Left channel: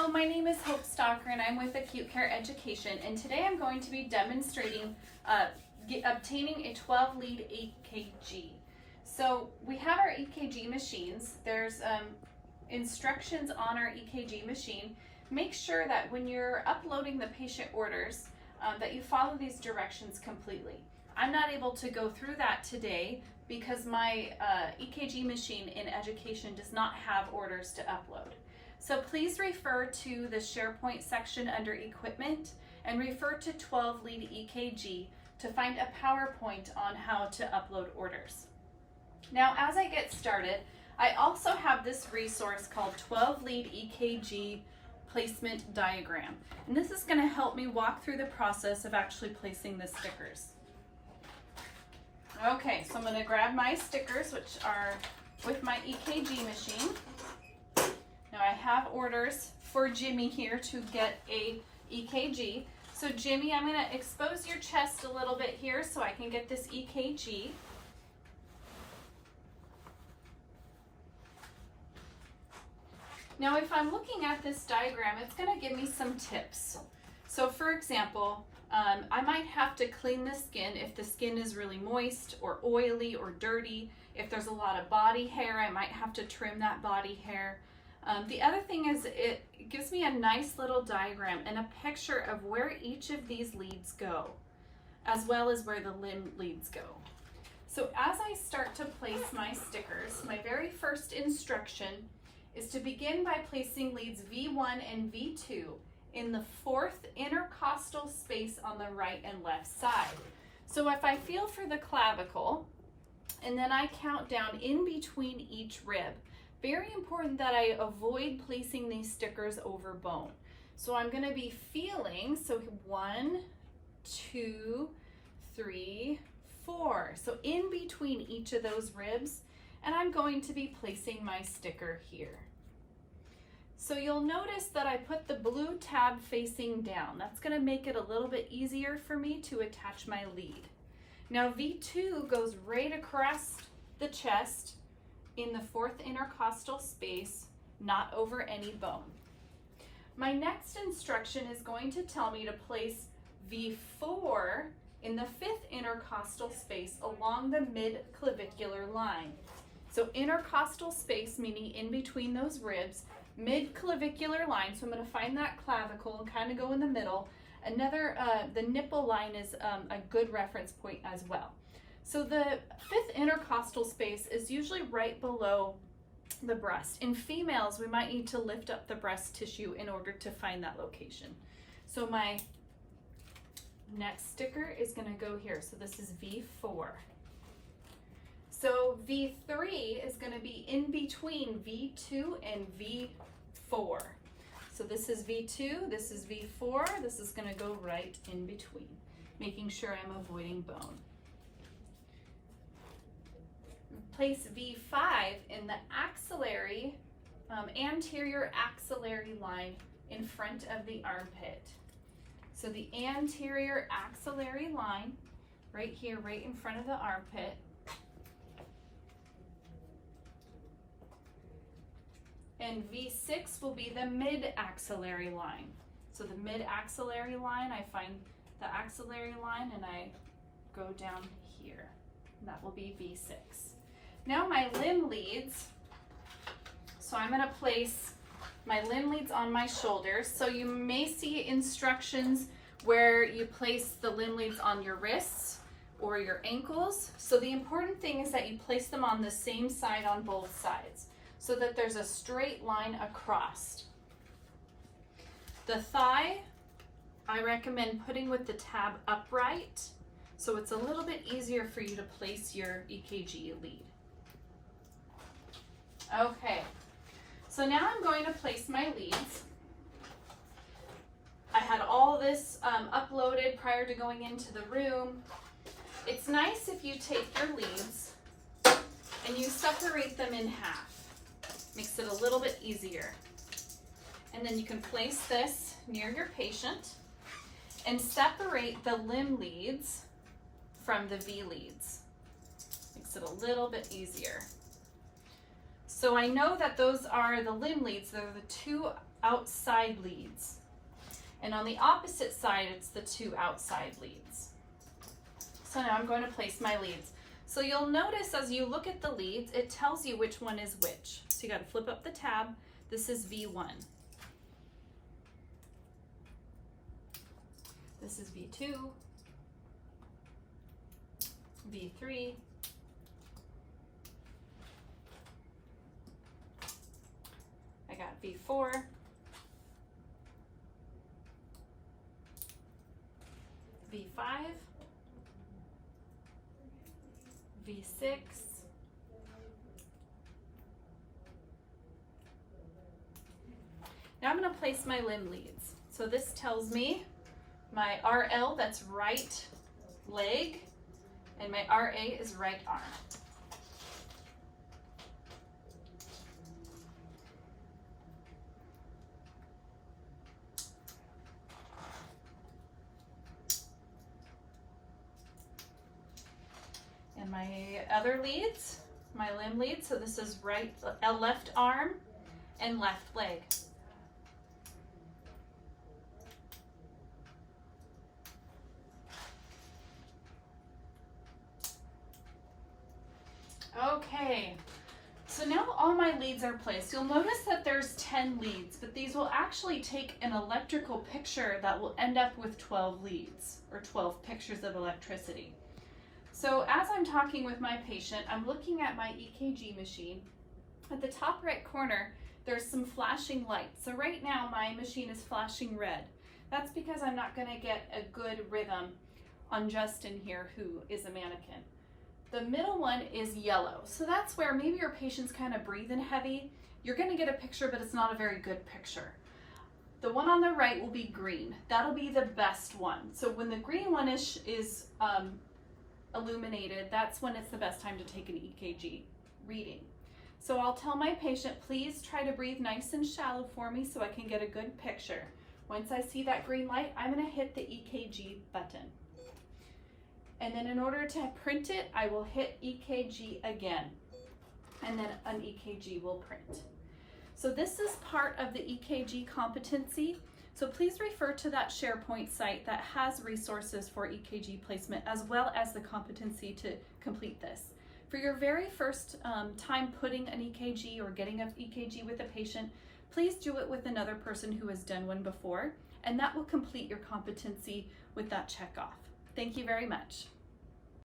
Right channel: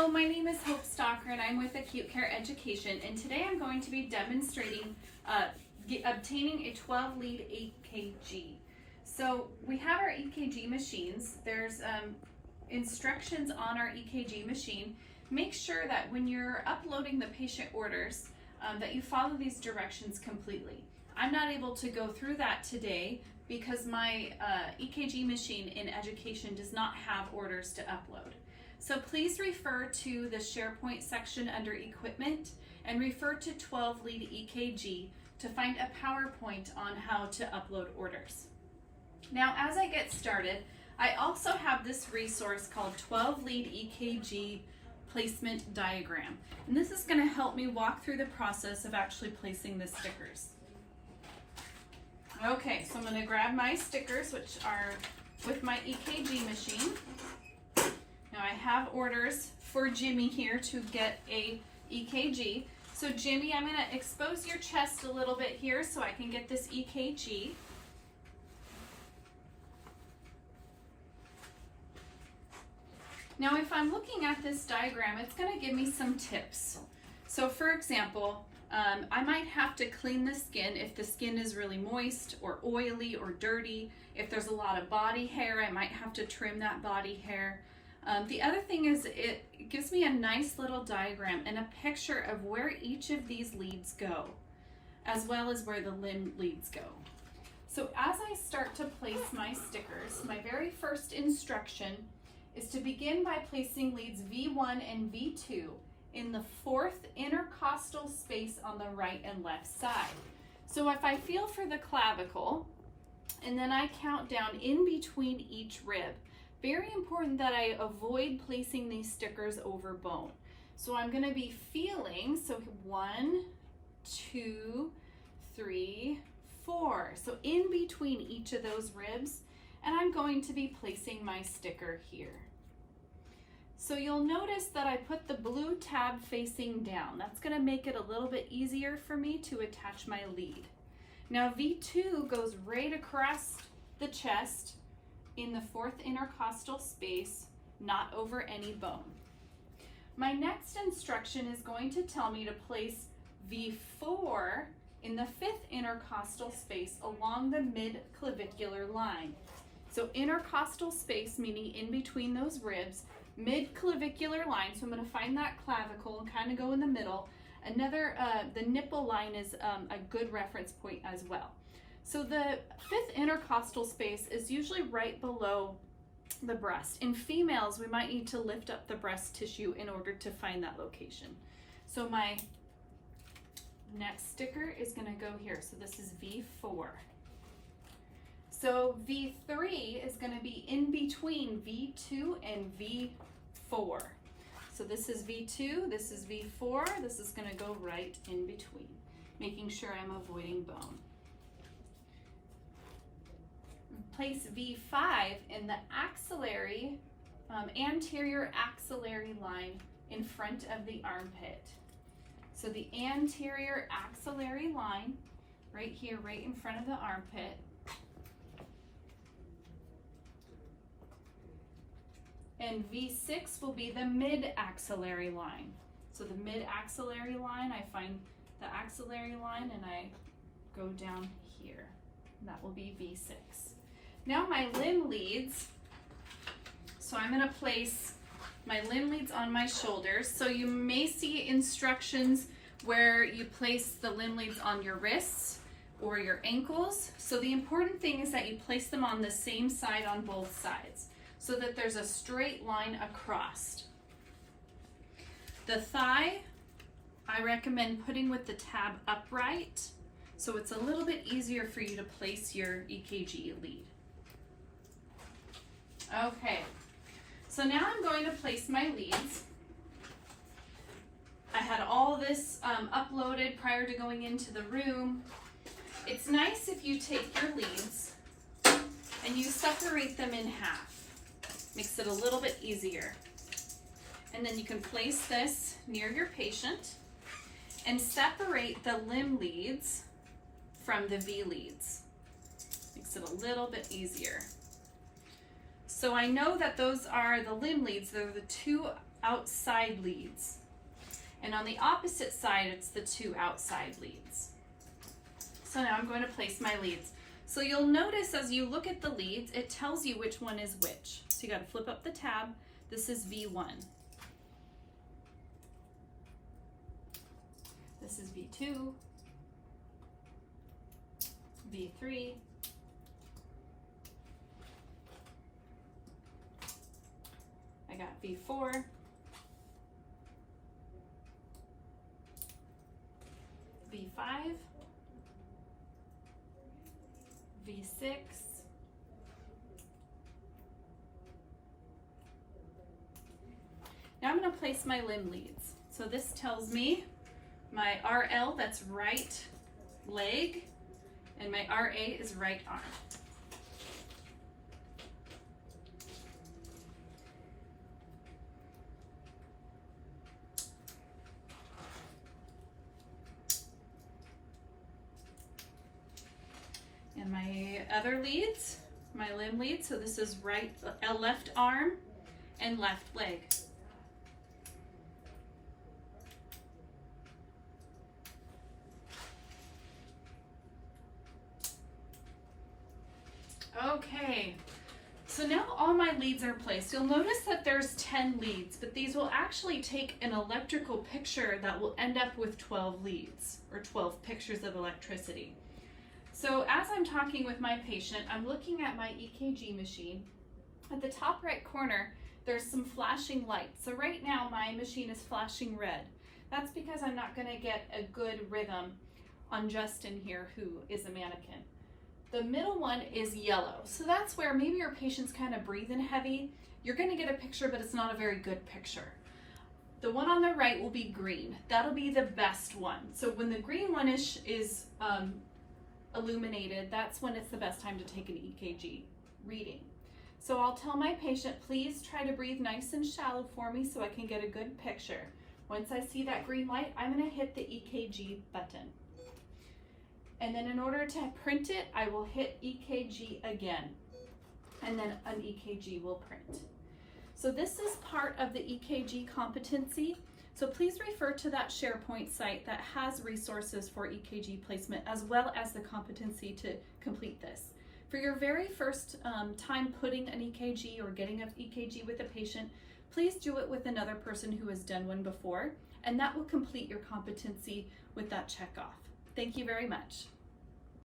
Hello, my name is Hope Stalker and I'm with Acute Care Education, and today I'm going to be demonstrating obtaining a 12-lead EKG. So we have our EKG machines. There's instructions on our EKG machine. Make sure that when you're uploading the patient orders that you follow these directions completely. I'm not able to go through that today because my EKG machine in education does not have orders to upload. So please refer to the SharePoint section under Equipment and refer to 12-lead EKG to find a PowerPoint on how to upload orders. Now, as I get started, I also have this resource called 12-lead EKG placement diagram. And this is going to help me walk through the process of actually placing the stickers. Okay, so I'm going to grab my stickers, which are with my EKG machine. Now I have orders for Jimmy here to get a EKG. So Jimmy, I'm going to expose your chest a little bit here so I can get this EKG. Now if I'm looking at this diagram, it's going to give me some tips. So for example, I might have to clean the skin if the skin is really moist or oily or dirty. If there's a lot of body hair, I might have to trim that body hair. The other thing is it gives me a nice little diagram and a picture of where each of these leads go, as well as where the limb leads go. So as I start to place my stickers, my very first instruction is to begin by placing leads V1 and V2 in the fourth intercostal space on the right and left side. So if I feel for the clavicle, and then I count down in between each rib, very important that I avoid placing these stickers over bone. So I'm going to be feeling, so 1, 2, 3, 4. So in between each of those ribs, and I'm going to be placing my sticker here. So you'll notice that I put the blue tab facing down. That's going to make it a little bit easier for me to attach my lead. Now V2 goes right across the chest in the fourth intercostal space, not over any bone. My next instruction is going to tell me to place V4 in the fifth intercostal space along the mid-clavicular line. So intercostal space, meaning in between those ribs, mid-clavicular line, so I'm going to find that clavicle and kind of go in the middle. Another, the nipple line is a good reference point as well. So the fifth intercostal space is usually right below the breast. In females, we might need to lift up the breast tissue in order to find that location. So my next sticker is going to go here. So this is V4. So V3 is going to be in between V2 and V4. So this is V2, this is V4, this is going to go right in between, making sure I'm avoiding bone. Place V5 in the axillary, anterior axillary line in front of the armpit. So the anterior axillary line, right here, right in front of the armpit. And V6 will be the mid-axillary line. So the mid-axillary line, I find the axillary line and I go down here. That will be V6. Now my limb leads. So I'm going to place my limb leads on my shoulders. So you may see instructions where you place the limb leads on your wrists or your ankles. So the important thing is that you place them on the same side on both sides, so that there's a straight line across. The thigh, I recommend putting with the tab upright, so it's a little bit easier for you to place your EKG lead. Okay, so now I'm going to place my leads. I had all this uploaded prior to going into the room. It's nice if you take your leads and you separate them in half. Makes it a little bit easier. And then you can place this near your patient and separate the limb leads from the V leads. Makes it a little bit easier. So I know that those are the limb leads. They're the two outside leads. And on the opposite side, it's the two outside leads. So now I'm going to place my leads. So you'll notice as you look at the leads, it tells you which one is which. So you got to flip up the tab. This is V1. This is V2, V3, I got V4, V5, V6, now I'm going to place my limb leads. So this tells me my RL, that's right leg, and my RA is right arm. And my other leads, my limb leads, so this is left arm and left leg. Okay, so now all my leads are placed. You'll notice that there's 10 leads, but these will actually take an electrical picture that will end up with 12 leads, or 12 pictures of electricity. So as I'm talking with my patient, I'm looking at my EKG machine. At the top right corner, there's some flashing lights. So right now my machine is flashing red. That's because I'm not going to get a good rhythm on Justin here, who is a mannequin. The middle one is yellow. So that's where maybe your patient's kind of breathing heavy. You're going to get a picture, but it's not a very good picture. The one on the right will be green. That'll be the best one. So when the green one is illuminated, that's when it's the best time to take an EKG reading. So I'll tell my patient, please try to breathe nice and shallow for me so I can get a good picture. Once I see that green light, I'm going to hit the EKG button. And then in order to print it, I will hit EKG again. And then an EKG will print. So this is part of the EKG competency. So please refer to that SharePoint site that has resources for EKG placement as well as the competency to complete this. For your very first time putting an EKG or getting an EKG with a patient, please do it with another person who has done one before, and that will complete your competency with that check off. Thank you very much.